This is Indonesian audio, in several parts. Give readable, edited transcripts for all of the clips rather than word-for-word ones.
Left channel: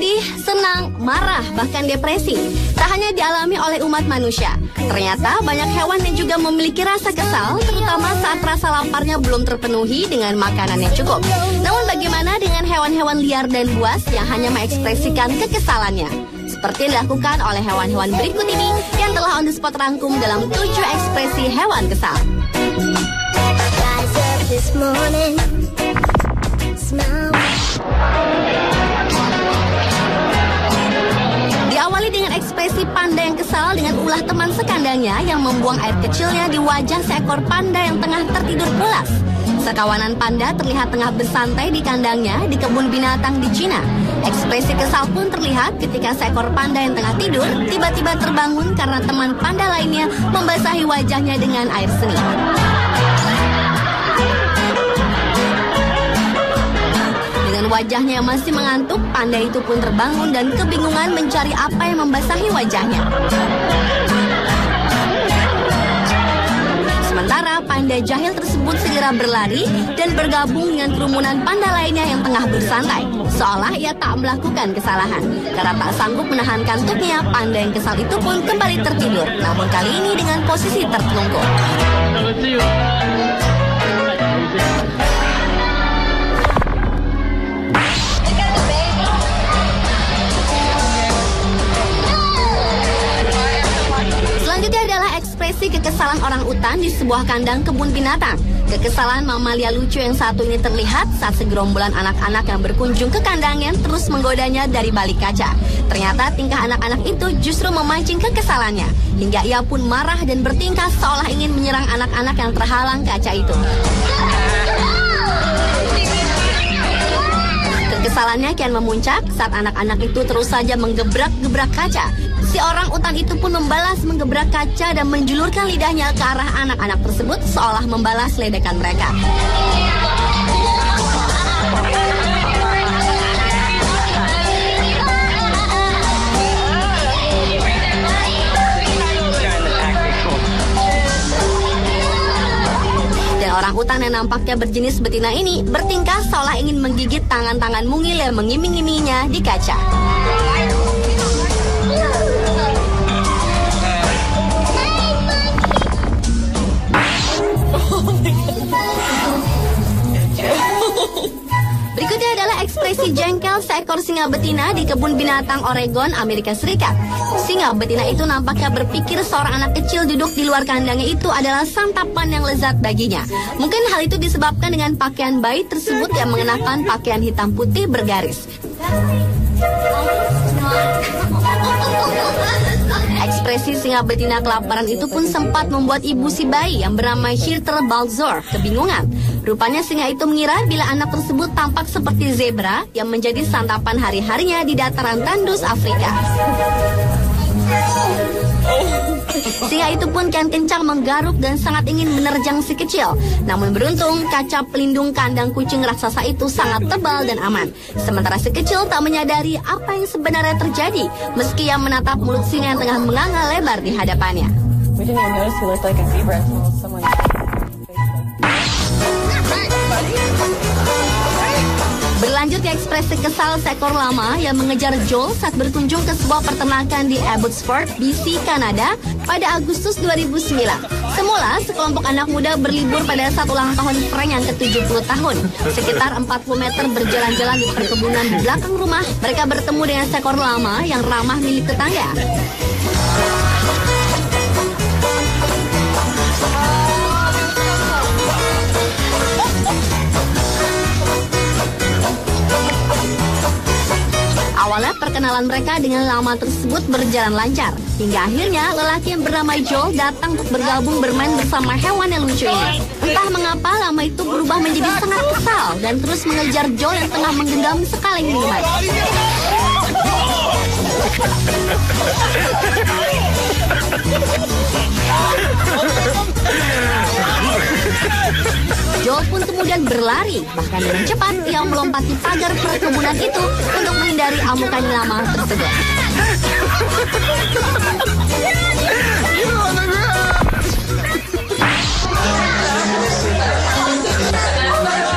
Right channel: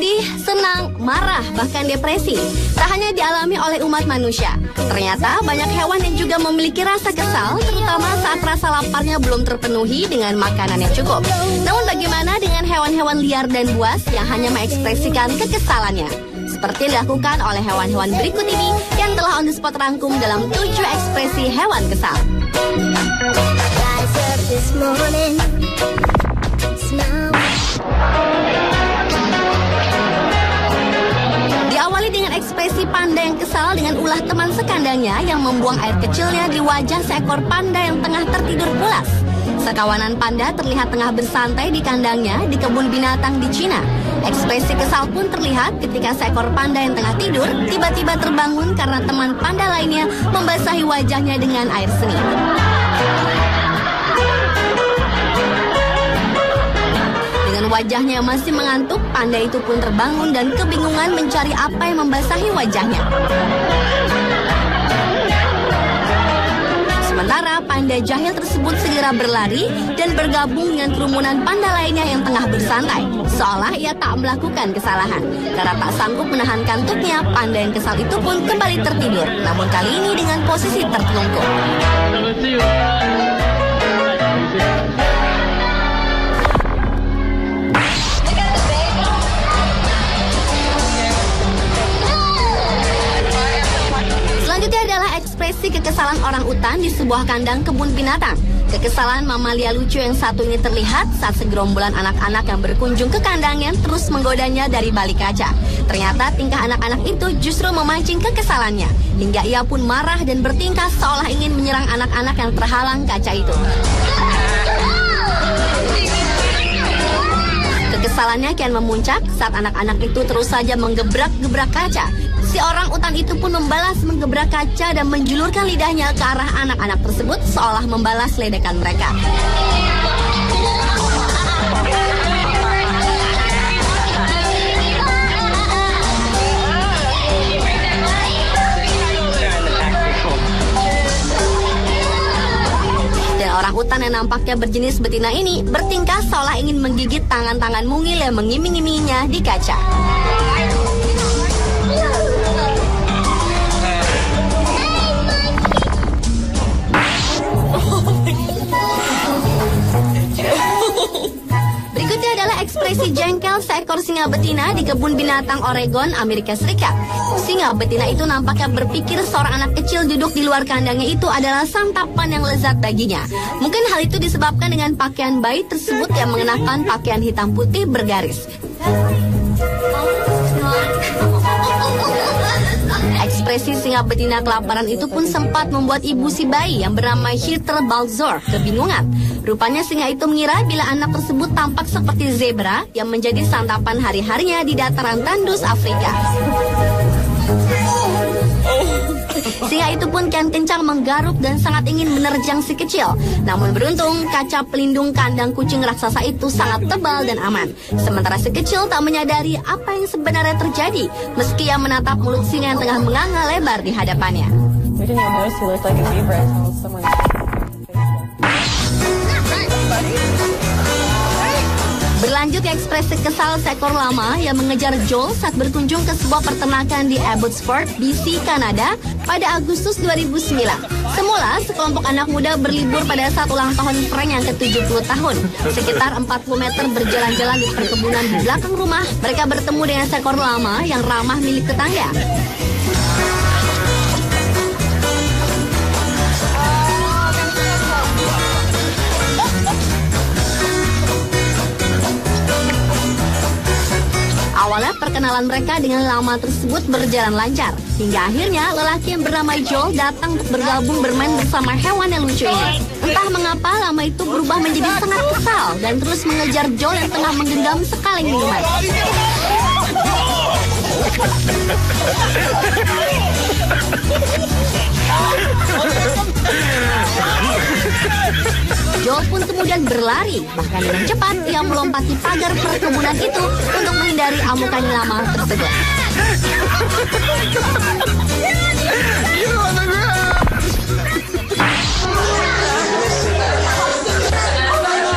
sedih, senang, marah, bahkan depresi tak hanya dialami oleh umat manusia. Ternyata banyak hewan yang juga memiliki rasa kesal, terutama saat rasa laparnya belum terpenuhi dengan makanan yang cukup. Namun bagaimana dengan hewan-hewan liar dan buas yang hanya mengekspresikan kekesalannya? Seperti yang dilakukan oleh hewan-hewan berikut ini yang telah on the spot rangkum dalam 7 ekspresi hewan kesal. Diawali dengan ekspresi panda yang kesal dengan ulah teman sekandangnya yang membuang air kecilnya di wajah seekor panda yang tengah tertidur pulas. Sekawanan panda terlihat tengah bersantai di kandangnya di kebun binatang di Cina. Ekspresi kesal pun terlihat ketika seekor panda yang tengah tidur tiba-tiba terbangun karena teman panda lainnya membasahi wajahnya dengan air seni. Wajahnya yang masih mengantuk, panda itu pun terbangun dan kebingungan mencari apa yang membasahi wajahnya. Sementara panda jahil tersebut segera berlari dan bergabung dengan kerumunan panda lainnya yang tengah bersantai, seolah ia tak melakukan kesalahan. Karena tak sanggup menahan kantuknya, panda yang kesal itu pun kembali tertidur, namun kali ini dengan posisi tertelungkup. Kekesalan orang utan di sebuah kandang kebun binatang. Kekesalan mamalia lucu yang satunya terlihat saat segerombolan anak-anak yang berkunjung ke kandangnya terus menggodanya dari balik kaca. Ternyata tingkah anak-anak itu justru memancing kekesalannya, hingga ia pun marah dan bertingkah seolah ingin menyerang anak-anak yang terhalang kaca itu. Kekesalannya kian memuncak saat anak-anak itu terus saja menggebrak-gebrak kaca. Si orang utan itu pun membalas menggebrak kaca dan menjulurkan lidahnya ke arah anak-anak tersebut seolah membalas ledekan mereka. Dan orang utan yang nampaknya berjenis betina ini bertingkah seolah ingin menggigit tangan-tangan mungil yang mengiming-iminginya di kaca. Berikutnya adalah ekspresi jengkel seekor singa betina di kebun binatang Oregon, Amerika Serikat. Singa betina itu nampaknya berpikir seorang anak kecil duduk di luar kandangnya itu adalah santapan yang lezat baginya. Mungkin hal itu disebabkan dengan pakaian bayi tersebut yang mengenakan pakaian hitam putih bergaris. Ekspresi singa betina kelaparan itu pun sempat membuat ibu si bayi yang bernama Hirtle Balzor kebingungan. Rupanya singa itu mengira bila anak tersebut tampak seperti zebra yang menjadi santapan hari-harinya di dataran tandus Afrika. Singa itu pun kian kencang menggaruk dan sangat ingin menerjang si kecil. Namun beruntung kaca pelindung kandang kucing raksasa itu sangat tebal dan aman. Sementara si kecil tak menyadari apa yang sebenarnya terjadi meski ia menatap mulut singa yang tengah menganga lebar di hadapannya. Berlanjut ke ekspresi kesal seekor lama yang mengejar Joel saat berkunjung ke sebuah peternakan di Abbotsford, BC, Kanada pada Agustus 2009. Semula, sekelompok anak muda berlibur pada saat ulang tahun Frank yang ke-70 tahun. Sekitar 40 meter berjalan-jalan di perkebunan di belakang rumah, mereka bertemu dengan seekor lama yang ramah milik tetangga. Awalnya perkenalan mereka dengan lama tersebut berjalan lancar, hingga akhirnya lelaki yang bernama Joel datang untuk bergabung bermain bersama hewan yang lucu ini. Entah mengapa lama itu berubah menjadi sangat kesal dan terus mengejar Joel yang telah menggenggam sekali minuman. Joel pun kemudian berlari, bahkan dengan cepat ia melompati pagar perkebunan itu untuk menghindari amukan lama tersebut.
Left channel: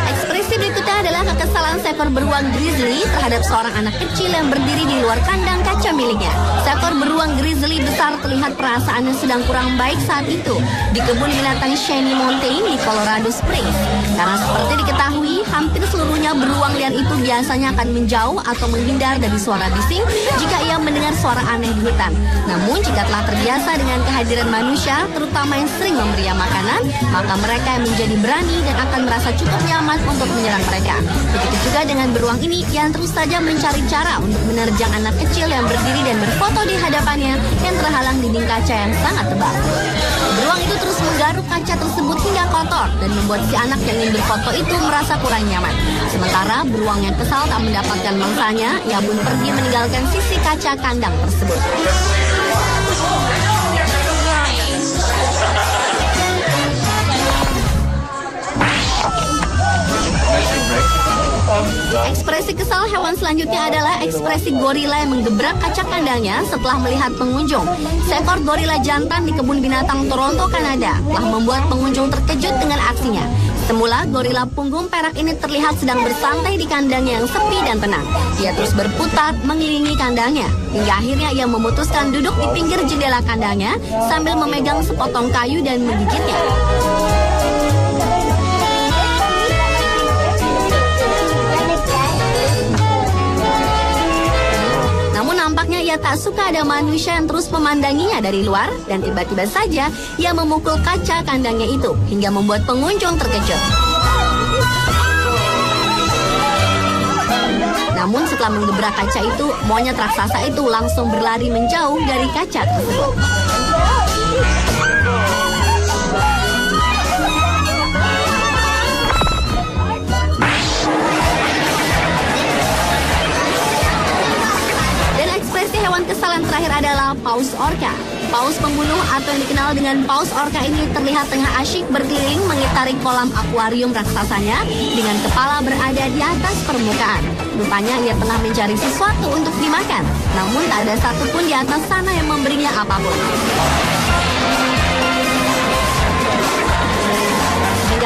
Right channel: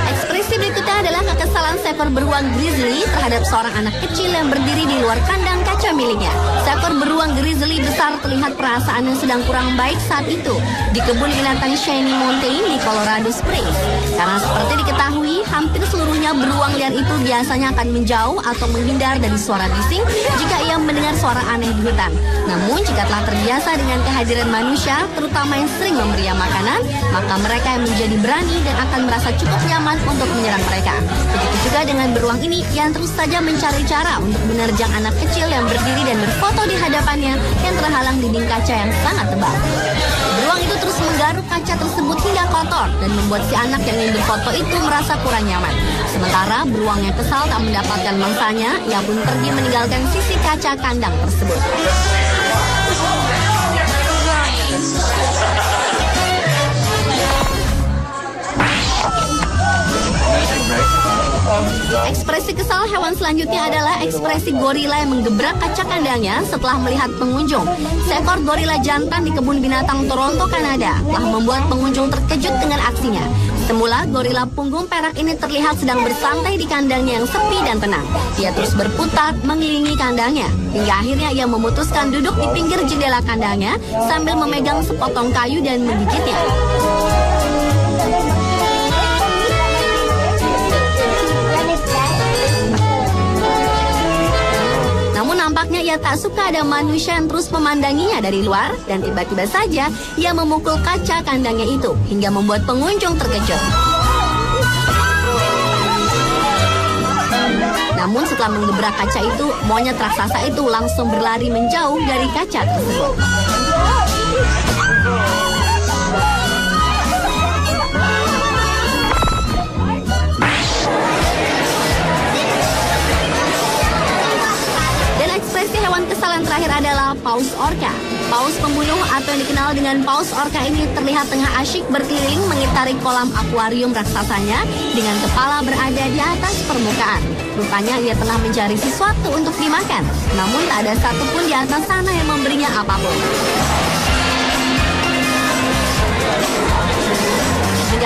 Ekspresi berikutnya adalah kekesalan seekor beruang grizzly terhadap seorang anak kecil yang berdiri di luar kandang kaca miliknya. Seekor beruang grizzly besar terlihat perasaannya sedang kurang baik saat itu di kebun binatang Shiny Mountain di Colorado Springs. Karena seperti diketahui, hampir seluruhnya beruang liar itu biasanya akan menjauh atau menghindar dari suara bising jika ia mendengar suara aneh di hutan. Namun jika telah terbiasa dengan kehadiran manusia, terutama yang sering memberi makanan, maka mereka yang menjadi berani dan akan merasa cukup nyaman untuk menyerang mereka. Begitu juga dengan beruang ini yang terus saja mencari cara untuk menerjang anak kecil yang berdiri dan berfoto di hadapannya yang terhalang dinding kaca yang sangat tebal. Beruang itu terus menggaruk kaca tersebut hingga kotor dan membuat si anak yang ingin berfoto itu merasa kurang nyaman. Sementara beruang yang kesal tak mendapatkan mangsanya, ia pun pergi meninggalkan sisi kaca kandang tersebut. Ekspresi kesal hewan selanjutnya adalah ekspresi gorila yang menggebrak kaca kandangnya setelah melihat pengunjung. Seekor gorila jantan di kebun binatang Toronto, Kanada, telah membuat pengunjung terkejut dengan aksinya. Semula, gorila punggung perak ini terlihat sedang bersantai di kandangnya yang sepi dan tenang. Ia terus berputar mengelilingi kandangnya, hingga akhirnya ia memutuskan duduk di pinggir jendela kandangnya sambil memegang sepotong kayu dan menggigitnya. Nampaknya ia tak suka ada manusia yang terus memandanginya dari luar dan tiba-tiba saja ia memukul kaca kandangnya itu hingga membuat pengunjung terkejut. Namun setelah menggebrak kaca itu, monyet raksasa itu langsung berlari menjauh dari kaca tersebut. Hewan kesal yang terakhir adalah paus orca. Paus pembunuh atau yang dikenal dengan paus orca ini terlihat tengah asyik berkeliling mengitari kolam akuarium raksasanya dengan kepala berada di atas permukaan. Rupanya ia tengah mencari sesuatu untuk dimakan, namun tak ada satupun di atas sana yang memberinya apapun.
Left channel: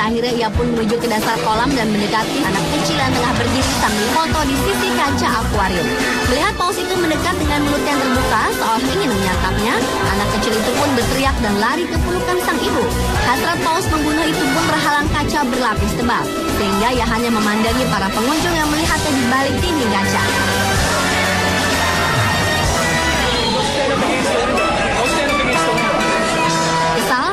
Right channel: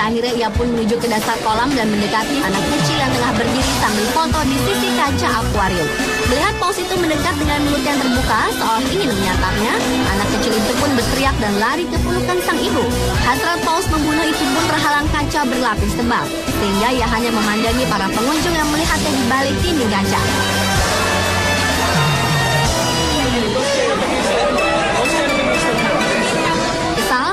Akhirnya ia pun menuju ke dasar kolam dan mendekati anak kecil yang tengah berdiri sambil foto di sisi kaca akuarium. Melihat paus itu mendekat dengan mulut yang terbuka seolah ingin menyantapnya, anak kecil itu pun berteriak dan lari ke pelukan sang ibu. Hasrat paus membunuh itu pun terhalang kaca berlapis tebal, sehingga ia hanya memandangi para pengunjung yang melihatnya di balik dinding kaca.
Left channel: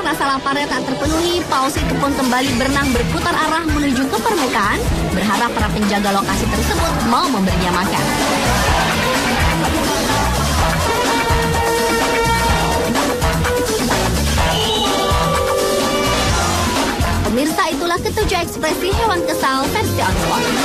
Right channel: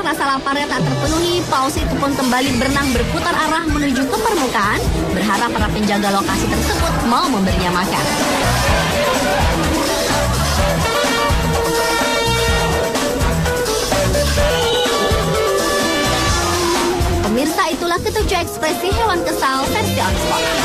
Rasa laparnya tak terpenuhi, paus itu pun kembali berenang berputar arah menuju ke permukaan, berharap para penjaga lokasi tersebut mau memberinya makan. Pemirsa, itulah ketujuh ekspresi hewan kesal versi Oxford.